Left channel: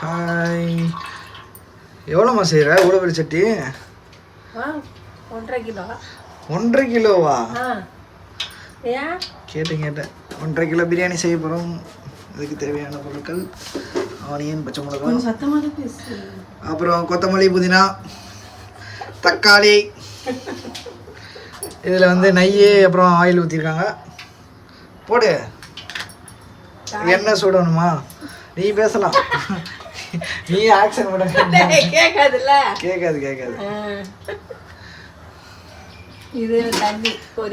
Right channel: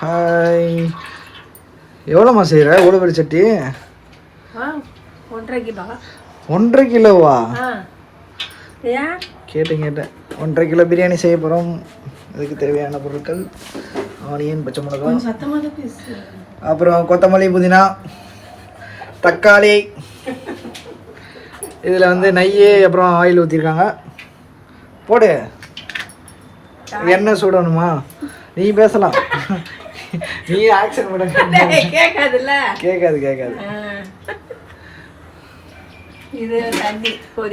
Hi எவ்வளோம்மா செய்கிற? ஊடுபடி சட்டி? ஒன்றரை கிலோ. ஒன்றரை கிலோவா? கேட்டேன் கேட்டேன். ஒன்றரை கிலோ பிரியாணி செய்ய போகிறோம். அதுக்கு தேவையான பொருட்கள் ஆனியன் பச்சை மிளகாய் அப்புறம் கொத்தமல்லி புதினா தக்காளி. இதில் வந்து நெய் அப்புறம் ஆயில் ஊற்றிருக்காங்க. போடு. எண்ணெய் சுடணுமா? நீ பேசலாம். நீ ஆக்ஷன் பண்ண கேட்காதுல்ல கேட்காது கேட்காது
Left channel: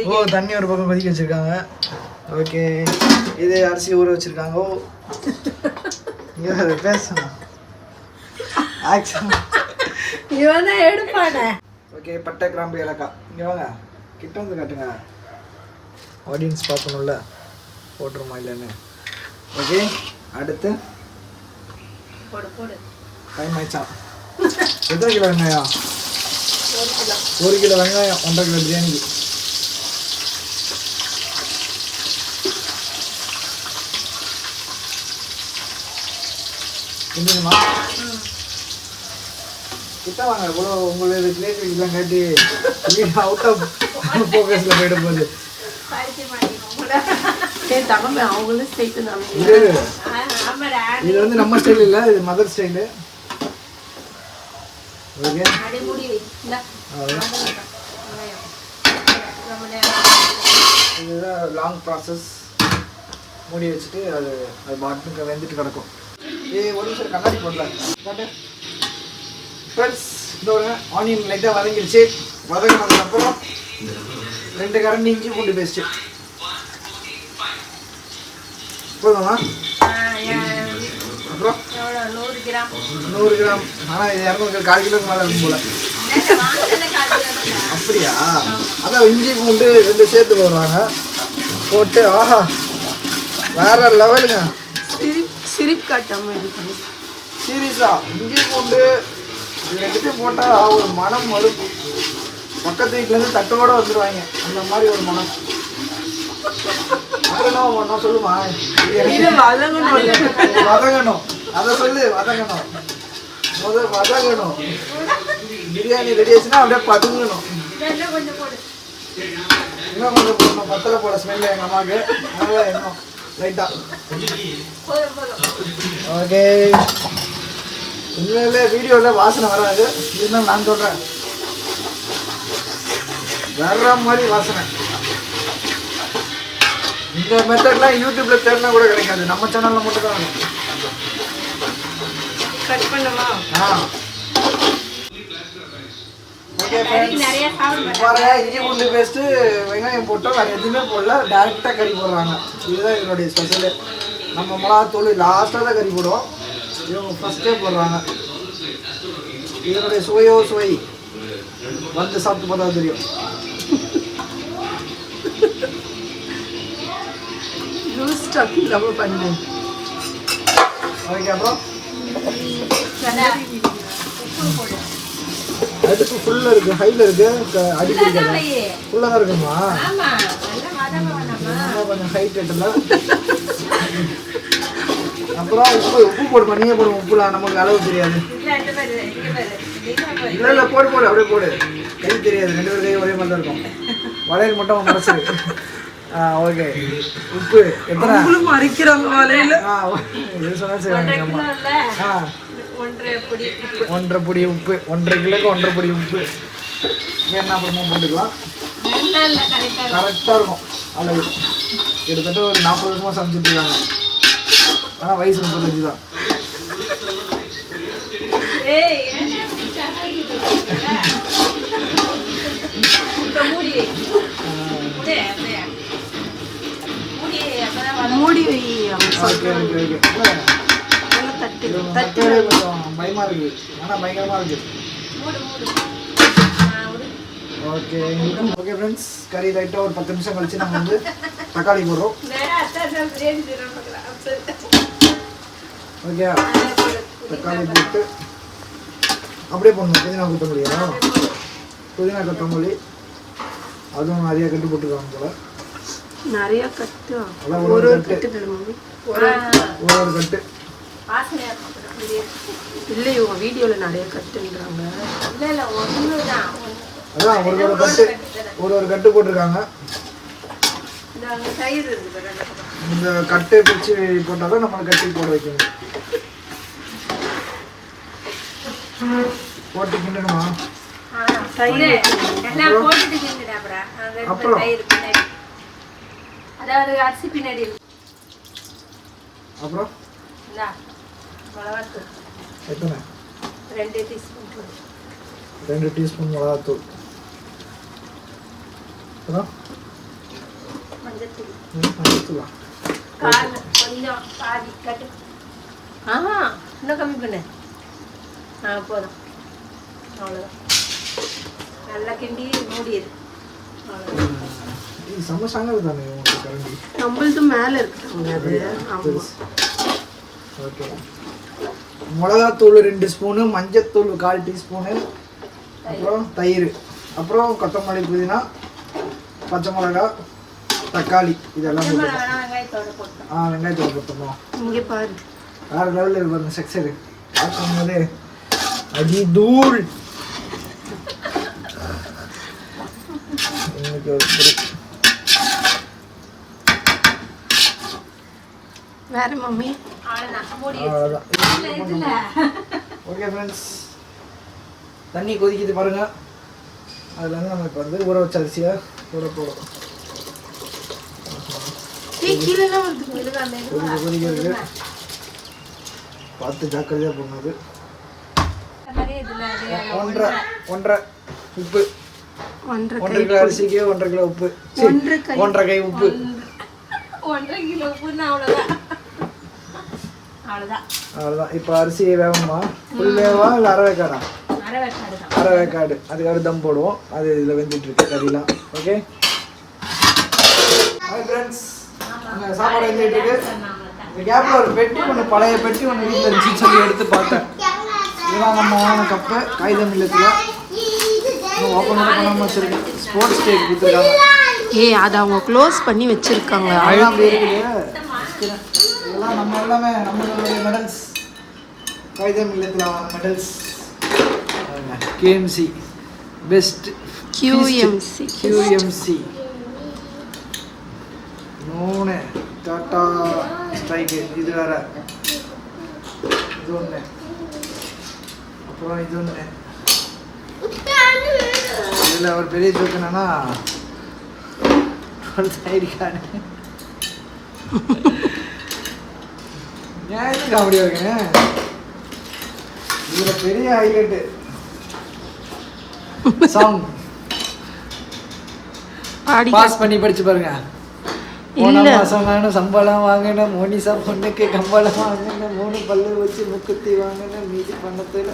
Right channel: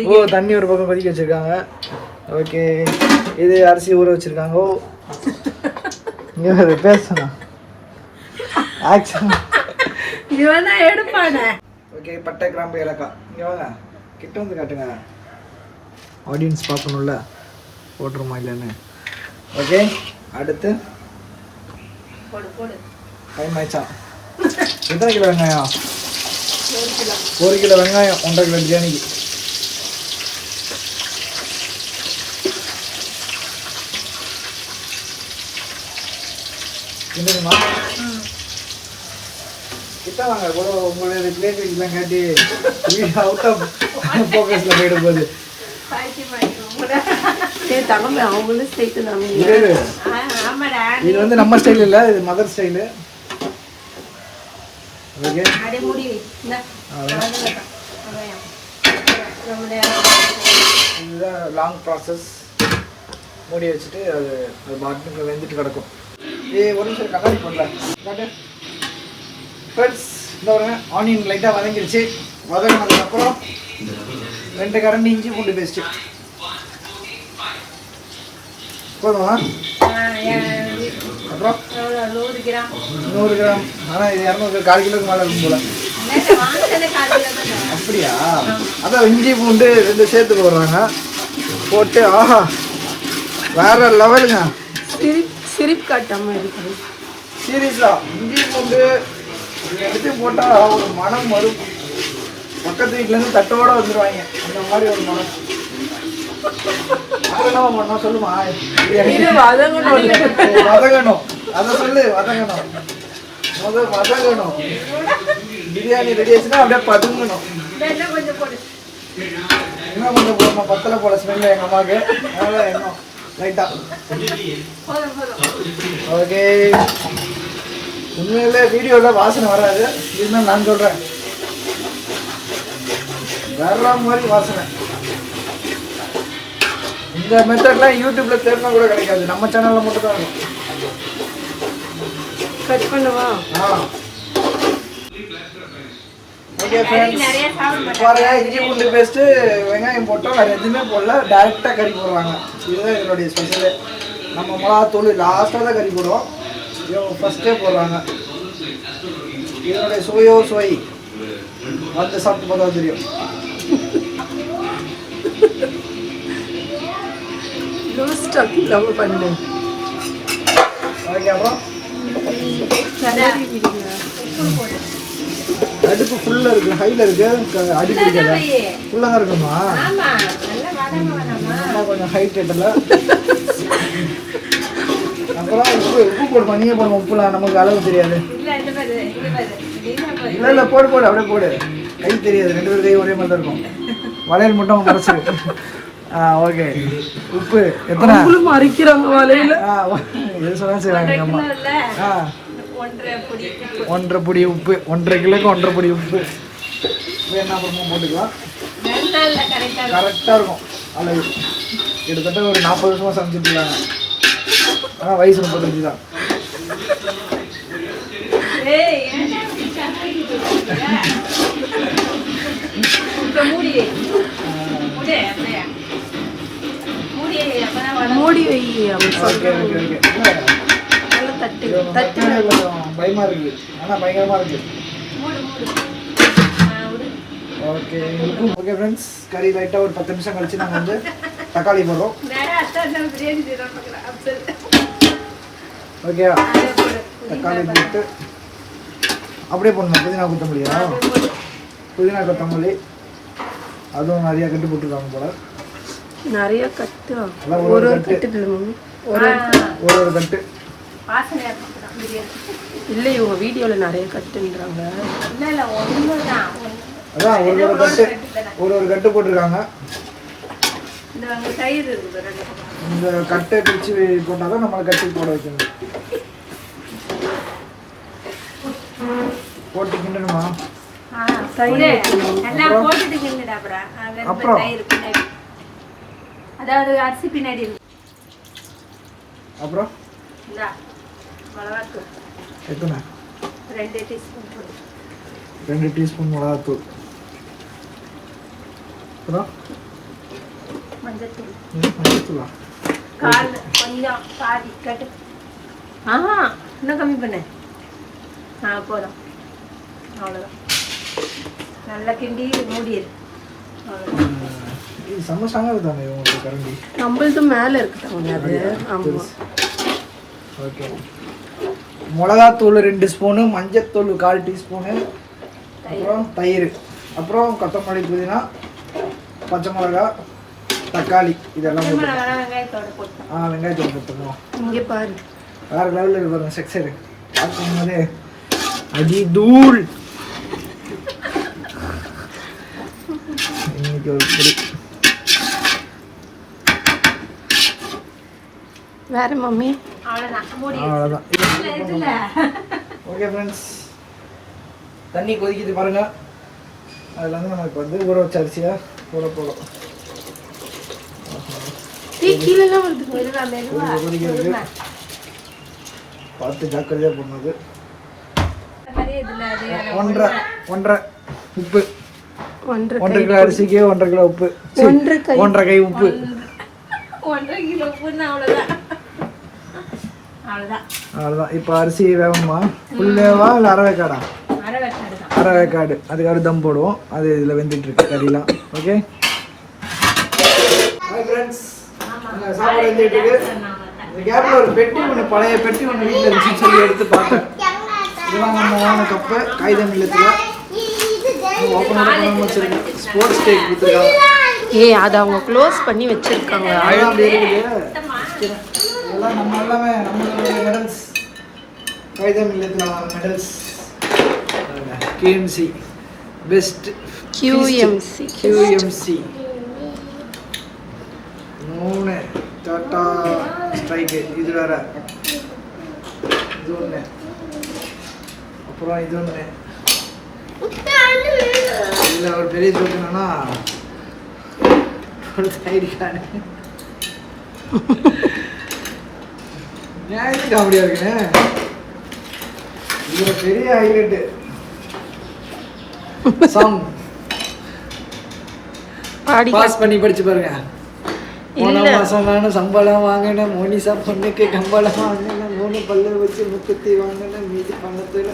ஓ தண்ணி ஒரு பக்கம் கொதிக்க வச்சுருக்காங்க. ஓகே. இது அரிசி ஊற வச்சுருக்காங்க. ஓ. பேசலாம். ஆக்ஷன் இவன் தான் எடுப்பானே ஓகே பட்டை கிராம்பு ஏலக்காய். இங்கே வாங்க. கிட்ட வந்து காட்டுங்க. ஆடியன்ஸ் பார்க்கணும்ல. போட்டுருமா இல்லைன்னு? ஓகே அடுத்து. டைம் ஆயிடுச்சா? எத்தனை கிலோ வெங்காயம்? ஒரு கிலோ வெங்காயம் ஒன்றரை கிலோ பிரியாணிக்கு என்னதுமா கிட்ட வாங்க இவ்வளோ உங்களோட கிரியேட்டிவிட்டிலாம் காட்டி அவுட் ஆஃப் ஃபோக்கஸில் போயிட போகுது. சரி தங்கமே அவங்களும் சேர்த்து நம்ம இது வந்து நம்ம ஸ்டைல் இல்லை இது மதர் ஸ்டைலு ஓகே. இதுதான் லாங் ப்ராசஸ் மூடி வச்சுட்டு அது அது மாட்டுக்கு வெந்துட்டு கிடக்கும். ஏ ஒரு நிமிஷம் கண்ணாடி போடல. ஃப்ரெண்ட்ஸ் இந்த ஒரு ஆனியன் லைட்டாக வதங்கிடுச்சு வதங்கினதுக்கப்புறம் ரெண்டு கரண்டி இஞ்சி பூண்டு பேஸ்ட்டு போதுமா அப்புறம்? நூறு கிராம். நூறு கிராம் ஆனால் இது இரநூறு கால் கிலோக்கு மேலே இருக்கும் போல. அப்படியா? அதான் இஞ்சி பூண்டு ரெண்டு சேர்த்துக்கு வருவாங்க. போட்டு ஆஹா. வேற லெவலுங்க. சிரிப் சிரிப் காட்டாம இருக்கணும் சீரியஸா? இஞ்சி பூண்டு எடுத்து போட்டால் ஒரு மனம் வரும். பக்கத்து வீட்டிலேருந்து தட்டோட வந்துடுவாங்க அந்த மாதிரி ஒரு மனம் சொல்லுமா? வதங்கணும். அதை சொல்லு வதங்கணும். முதல் வதங்கணும். பிரியாணி ரெடி ஆச்சுன்னா அப்படியே பதுங்கணும். இன்னும் கொஞ்சம் போடணும் பத்தலை போட ஸ்மெல் எங்கள் அம்மாவுக்கு. அதனால இன்னும் ஓகே. உண்மையிலே வீடியோவில் வாசனை வராது. இருந்தாலும் நான் சொல்கிறேன் வேற மாதிரி வாசனை. இந்த மெத்தட்லாம் யூடியூப்ல தேடினா கூட கிடைக்காது. நம்ம சேனல்ல மட்டும் தான் இருக்கும் கட் பண்ணுவா? ஆ. இஞ்சி பூண்டு பேஸ்ட்டு வெங்காயம் போட்டால் வேறு எதுவுமே போடல. டேரெக்டாக கறி போடுவாங்க. இதுதான் என்னுடைய ஸ்பெஷலு நம்ம மிளகாத்தூள் லாஸ்ட்டாக தான் கறி போடுவோம். இவங்க ஃபஸ்ட்டே போடுறாங்க. இதனுடைய சுவையோ சுவை? வந்து சாப்பிட்டு பார்த்தா தெரியும். ஸ்டாக் இல்லாம பண்ணு விடுங்க அடுப்பு ஃபுல்லாக இருக்குது ஹையில் இருக்குது அடி பிடிக்கல ஃபுல்லாக தான் இருக்குமா கொஞ்சம் ஹைட் கட்டல அப்புறம் உப்பு உப்பு போடுமா நீயே போடுமா உப்புலாம் நமக்கு அளவு தெரியாது இல்ல போடு போடு அப்படியே போடு கை தெரியாது ரெண்டு பேரும் ஒரே மாதிரி தான் இருக்கும் வளையல் மட்டும் குறைச்சிருக்கு ஓகே. உப்பு. அவங்களும் மறைக்கிறாங்க வலையில. ஒன்றரை பொடி உப்பு. ஒன்றரை கிலோக்கு ஒன்றரை பொடி உப்பு. வேணா அப்புறமா போட்டுக்கலாம்? கரெக்டாக இருக்கும். அளவு கிட்டத்தட்ட ஒரு நாற்பது வருஷமாக சமைச்சிட்டு இருக்காங்க. ஆனால் வயசு முப்பத்தஞ்சு தான். ஏய் மூடி வை அவன் நல்லா தட்டு தட்டு கொஞ்சம் பயமாக இருக்குது ஆனால் பயங்கரமாக இருக்குது மூடு, மூடு. ஆ, விடு. ஓகே ஓகே ஃப்ரெண்ட்ஸ் கறி லைட்டாக ஒரு பத்து நிமிஷம் கழிச்சு நம்ம வந்து தக்காளி போடுறோம். ஓகே. தக்காளி போட்டு அப்படியே போடணும் புதினா கொத்தமல்லியா புதினா கொத்தமல்லி அதுவும் நிறைய கட்டு போட்டுருக்காங்க போல நிறைய கட்டு. ஒரு ஒரு கட்டு. கட்டு ஒரு ஒரு ஒரு கட்டு. இல்லை இவங்க வீடியோவில் நிறைய கட்டுன்றாங்க. இல்ல இல்ல ஒண்ணுதான் அதான் ஒரு ஒரு கட்டு. ஒரு ஒரு கட்டு போட்டிருக்காங்க. இந்த கட்டை. பிரித்து போட்டால் தான் நம்மளை கட்டி போட வைக்கணும். போட்டு கிண்டணுமா? ஆ, தயிர் எல்லாம் போட்டுட்டு கிண்டுடா அப்புறம். அது இந்த அப்புறம்? தயிர் பின்னாடி. அதாவது அரிசி பின்னாடி இருக்கு. அப்புறம்? இந்தா, மிளகாத்தூள். எத்தனை? ரெண்டு டீஸ்பூன் ரெண்டு டீஸ்பூன் மிளகாத்தூள். அப்புறம்? மஞ்சத்தூள். ம், மஞ்சத்தூளா? கால் கொஞ்சம் பாதி கட்டு ஆஹா இன்னும் கம்மி பண்ணு. ஆ போதும். அவ்வளோதான் நல்லா கிண்டி மூடிடு. அவ்வளோதான் இது உங்களுக்கு கரண்டி? நம்மளது மேலே இருக்குதாங்க அது ஆமாம் ஓகே மிளகாத்தூள் ரெண்டு ஸ்பூனு மஞ்சத்தூள் கால் டீஸ்பூனு அப்புறம் தயிர். அப்புறம் கொத்தமல்லி புதினா பச்சை மிளகா தக்காளி. இதெல்லாம் போட்டு ஆ வெங்காயத்தூள் போட்டுருவோம் இங்கே பாரு. வேற லெவலில் இருக்கு பாருங்க செக்ஸரு பார்க்கும்போது அடி தூள் இன்னைக்கு ஒரு வேற மம்மி. ஓகே ஃப்ரெண்ட்ஸ் தண்ணி கொதிக்குது பாருங்க. அதில் வந்து நம்ம இப்போ வந்து ஊற வச்ச அரிசியை போட போடும் கொதிக்க கொதிக்கிறது பார்த்து ஜாக்கிரதையாக அது. ஒன்றரை ஒன்றரை உப்பு. ஒன்றரை கை அரிசிக்கு ஒன்றரை கிலோ உப்பு. ஒன்றரை கை ஒன்றரை கை உப்பு. ஒன்றரை கிலோ உப்புன்னு அவ்வளோதான் அவ்வளோதான் அவ்வளோதான் இப்போ அரிசி வேகமா ஃபுல் வேகமா இல்லை அரை வேக்காடா? அரை வெக்காடு தான். அரை வேக்காடு. அதுக்காக தம் போடுவோம். அது இதில் வெந்துட்டு இருக்கு கறிலாம் ஓகே சாப்பாடு வெந்துட்டு இருக்கு இந்த கேப்பில் ஒரு பெட்டி ஒன்று பழைய பெட்டி ஒன்று வீட்டில் சொல்லி எடுத்து பார்த்தேன். இதெல்லாம் நம்ம வாங்கின கப்பு காகிதம் இல்லத்தில். ஓப்பனோட பண்ணாமல் வச்சிருக்கேன் ஸ்போர்ட்ஸ் டேக் கொடுத்துருக்காங்க. ஏய் அதை அவங்க க்ளோஸ் பண்ணி வச்சிருக்காங்க. இதெல்லாம் நம்ம எல்லாமே நம்மளுடைய மெடல்ஸ் காகிதம் இல்லத்தில் medals KMC best QMC. QMC மூணு. டாட்டா ஸ்ட்ரைக்கு இது வேற. இது ஒன்று அப்புறம் இது ஒன்று இதில் ஒரு பெரிய ஜோக் என்னன்னா நியாயத்து காமெடியாக இருக்குண்ணே இதில் பெரிய ஹைலைட்டு சாங் பாஸ் பண்ணி படிச்சு பாருங்க. போன மாசம் வேணும் சம்பளம் வாங்கினேன் மோனிசா பொண்ணுக்கு கம்பளம் வாங்கினேன் மூணு பல்லு வச்சு முக்கத்தி வாங்கினேன் மீதி பணத்தில்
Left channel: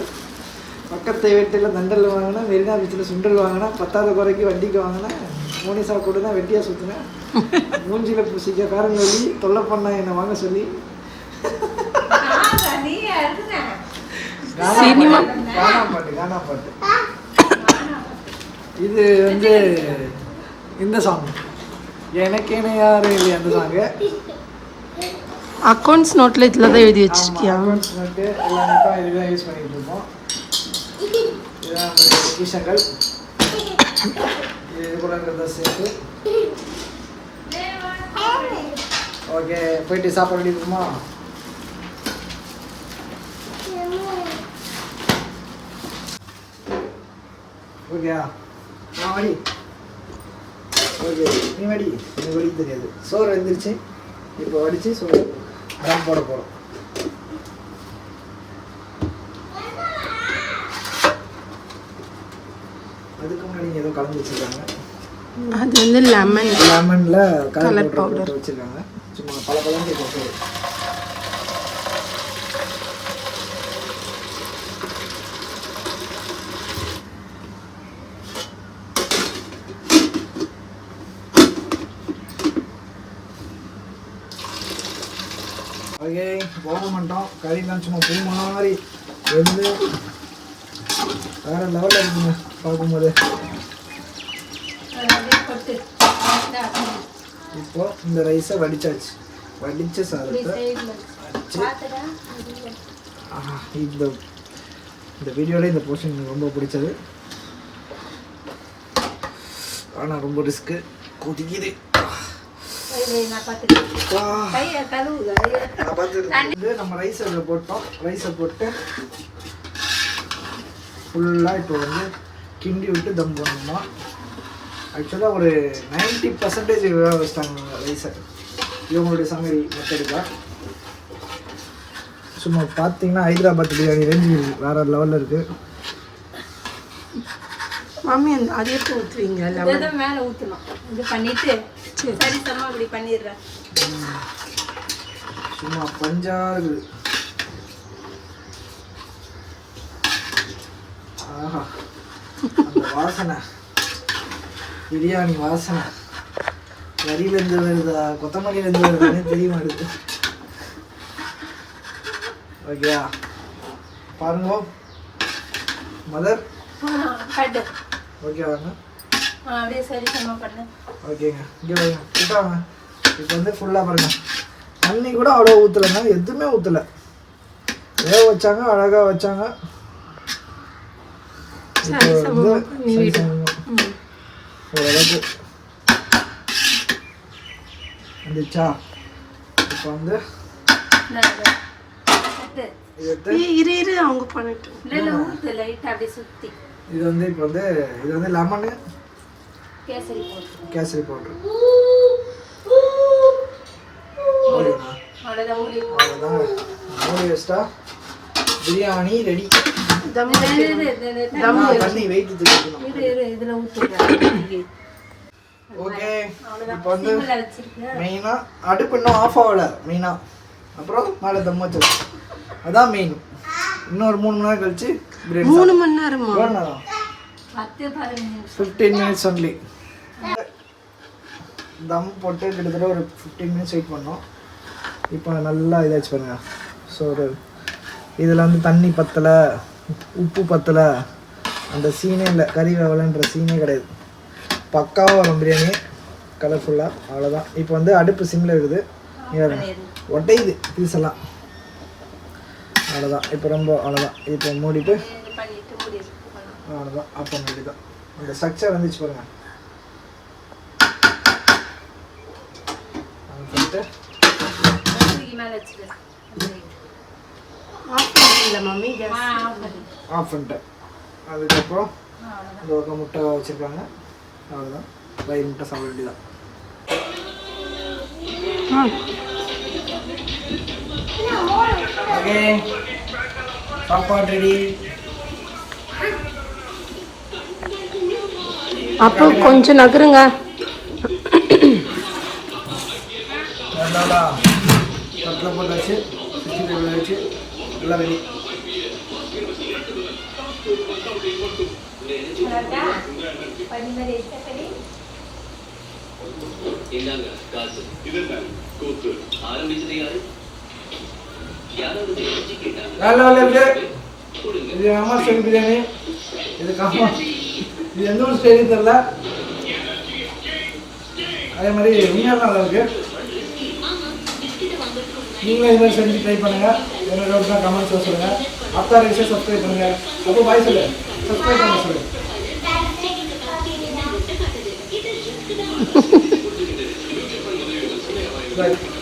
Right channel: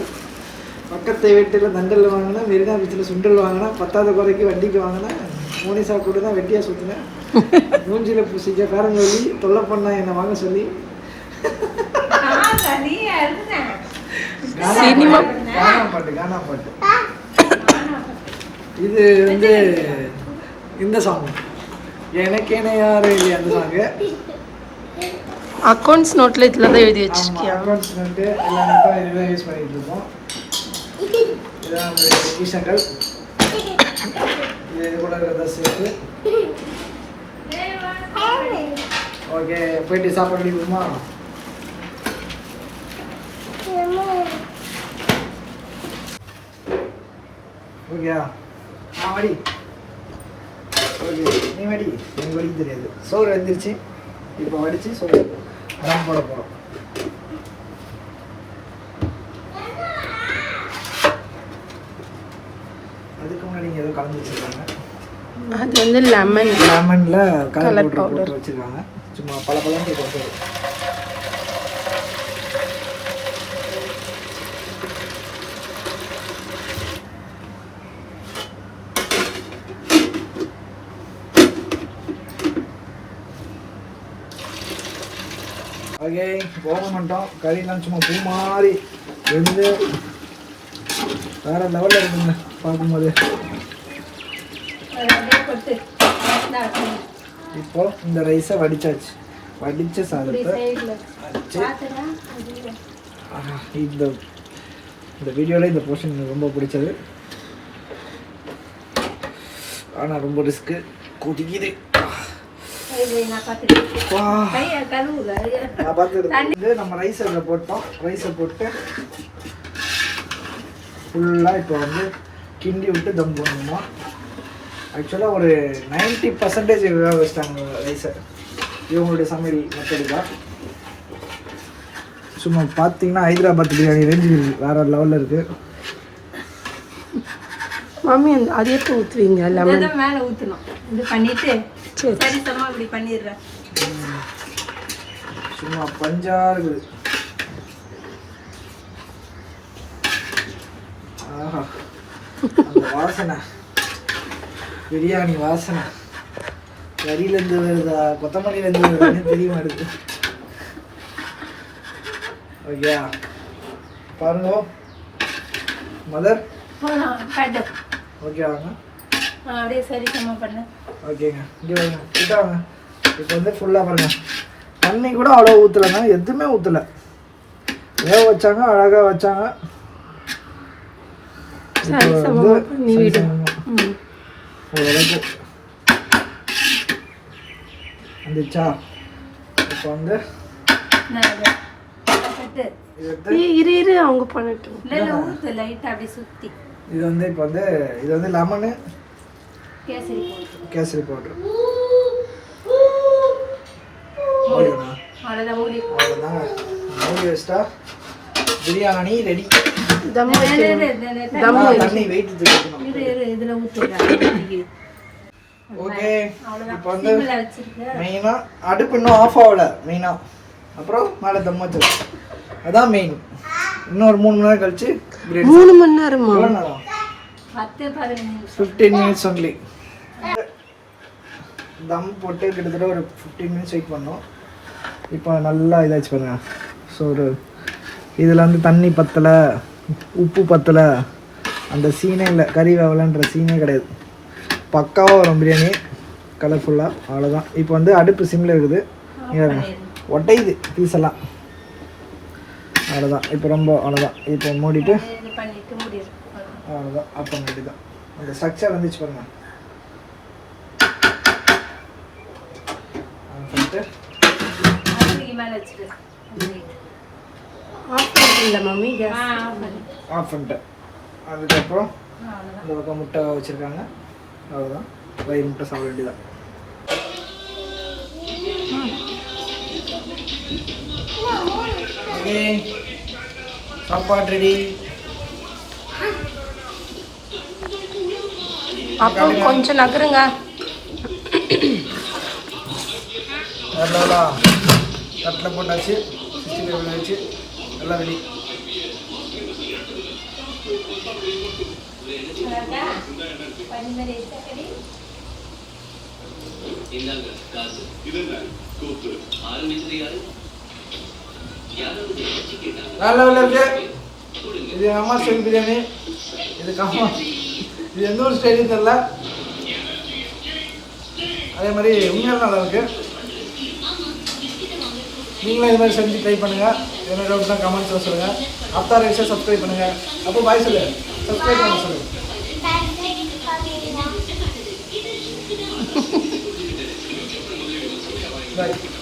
பக்கத்து வீட்டில் தண்டல் வாங்கினேன் மெரினா பீச்சில் சுண்டல் வாங்கினேன் பத்தாவது குறைக்கு வண்டிக்கு வாங்கினேன் மோனிசா கூட தான் வெட்டியாக சுற்றினேன் மூஞ்சில பூசிக்க பேரம் சொல்லி தொல்லை பண்ண என்னை வாங்க சொல்லி. பாட்டு, கானா பாட்டு இது வந்து இந்த சாங் எனக்கேன யாரு இது அந்த சாங்கு அக்கௌண்ட்ஸ் நோட்டில் இதில் தான் எழுதி வச்சிருக்கியா? அக்கௌண்ட்ஸ் நோட்டு எல்லாமே தான் இதுதான் யூஸ் பண்ணிட்டு இருக்கோம். இதுதான் நம்மளுடைய பொக்கிஷங்கள் இது இது கூட இருக்கிறதா சேர்த்து. ஓகே போயிட்டு சாப்பிட வேண்டியதுமா ஓகேயா? வாடி ஓகே நீ வடி எனக்கு வடி தெரியாது. சோறு வந்துருச்சு. இப்போ வடிச்சு சோறு நான் போட போகிறோம் இதுக்கு முன்னாடி இங்கே ஏதோ கலந்து வச்சிருக்காங்க. அது வந்து லெமன் லெமனில் கலர். பவுடர் வச்சிருக்காங்க. சும்மா பல பழம் ஓகே போக மாட்டோம். கறிலாம் சும்மா பூ மாதிரி வெந்து வேற லெவலில் இருக்குங்க. பார்க்கும்போது அதை அப்படியே போட்டு இந்தா, இப்போ இந்த ரைஸை வடிச்சாச்சு. வடிச்ச சாதத்தை ஆஹா, இந்த இந்த வீடியோவில் இந்த போர்ஷன் எனக்கு ரொம்ப பிடிச்சது. ஆனால் ரொம்ப ரிஸ்க்கு கொதிக்குது. நம்ம ரைஸ் அதில் போட்டோம். ரைஸை போட்டு ஃபுல்லாக இப்போ வந்து கிண்டி விட்டு தம் பண்ணணுமா? ஆக்சுவலாக ஒரு நைன்ட்டி பர்சன்டேஜ் வேக வச்சிட்டாங்க ரைஸை இவங்களுடைய சமையல் மெத்தடுக்கா சும்மா பார்த்தீங்கன்னா ஹைதராபாத் பிரியாணி ரேஞ்சு வேற லெவலில் இருக்குது மாமி அந்த அது எப்போ ஊற்றுவீங்க லெமன் மேலே ஊற்றணும் இது பண்ணிட்டு சரி. சரி சம்மா அப்படி பண்ணிடுறேன். சும்மா பஞ்சா இருக்குது ஆஹா. அந்த வாசனை. பிரியாணி வாசனை. கறியிலேருந்து வருதா? கொத்தமல்லியிலேருந்து வருதான்னு தெரிய மாட்டேது ஓகே. பாருங்க. மதர் ஓகே வாங்க. அப்படியே சரி சம்மா பண்ணு. ஓகேங்க. இங்கே வைங்க. கிட்ட வாங்க. இப்போ வந்து ஃபுல்லாக பாருங்க. தண்ணி கூட அவ்வளோ ஊற்றலைங்க எதுவுமே ஊற்றலை ஏதோ வச்சாங்க அழகாக வச்சாங்க சரி இப்போ சமமா வந்து பண்ணி விடு ம் ஓரளவுக்கு வந்துச்சா? இப்போ வந்து இரு இரு அவங்க பண்ணட்டும். இது வந்து இப்போ வந்து இது வந்து லெமனு கேசரி பவுட்ரு. அவ்வளோதாங்க மூணு வேஸ்ட்டாக பிரியாணி ரெடி தம் தம். தண்ணி வெயிட் தூக்கணும் இரு, இரு, இதுல ஓகே இப்போ வந்து மெயினாக அடுப்பு இன்னும் ஆஃப் ஆகல மெயினாக அப்புறம் மேலே தம் வச்சது அதான் மெயின் இன்னும் ஒரு மூணு மணி நேரம் கழிச்சு மூணு மணி நேரமா? நிமிஷம். ஃபிஃப்டீன் மினிட்ஸ் ஒன்லி தம் போட்டு கிட்டத்தட்ட ஒரு ஃபிஃப்டீன் மினிட்ஸ் வெயிட் பண்ணோம். இப்போ நல்லா இதாச்சு பாருங்க. ஸோ ஒரு இதில் வந்து தண்ணி பத்தலை. உப்பு பத்தலை. அந்த சீனே இல்லை கறி வேவலன்ற சீனே கிடையாது. பக்காவாக வரும் பிரியாணி. கலர்ஃபுல்லாக அவ்வளோதான் இப்போ வந்து அடுப்பு சிம்மில் இருக்குது. ஒட்டையுது பீஸ் எல்லாம். அவ்வளோதான் இப்போ ரொம்ப அவ்வளோதான் இப்போ மூடிட்டு அவ்வளோதான் அப்போ மூடிதான். அந்த ஸ்ட்ரக்சர் வந்துச்சு பாருங்க. சொல்லிட்டு பண்ணிட்டு அதுக்கு மேலே வச்சுட்டு ஆஃப் பண்ணிட்டீங்களா மம்மி? கேஸ் ஆஃப் பண்ணு. ஆஃப் பண்ணிட்டேன் அதுக்கப்புறம். இந்த பக்கம் முட்டை வச்சுருக்காங்க. அவ்வளோதான் வயிறு முட்டை சாப்பிட வேண்டியதான் ஓகே. சாப்பாடு ரெடி அப்போ கொஞ்சம் நகருங்க. நல்லா தட்டில் போட்டாச்சு எல்லாம் வேலை இருக்கு. இது எங்கள் அம்மா ஸ்டைல் பிரியாணி. இதுக்கு அம்மா இது எந்த ஒரு ஸ்டைலும் தெரியல. அதே மாதிரி உண்மையான இருக்கு. நீங்களும் இது மாதிரி செஞ்சு ட்ரை பண்ணுங்க. என்ன டவுட் தான் கமெண்ட்ஸில் சொல்லுங்க. அப்தார் ரைஸை சப்ஸ்கிரைப் பண்ணுங்க. அப்போ பாய் சொல்லு. சப்ஸ்கிரைப் பண்ண சொல்லு. Bye.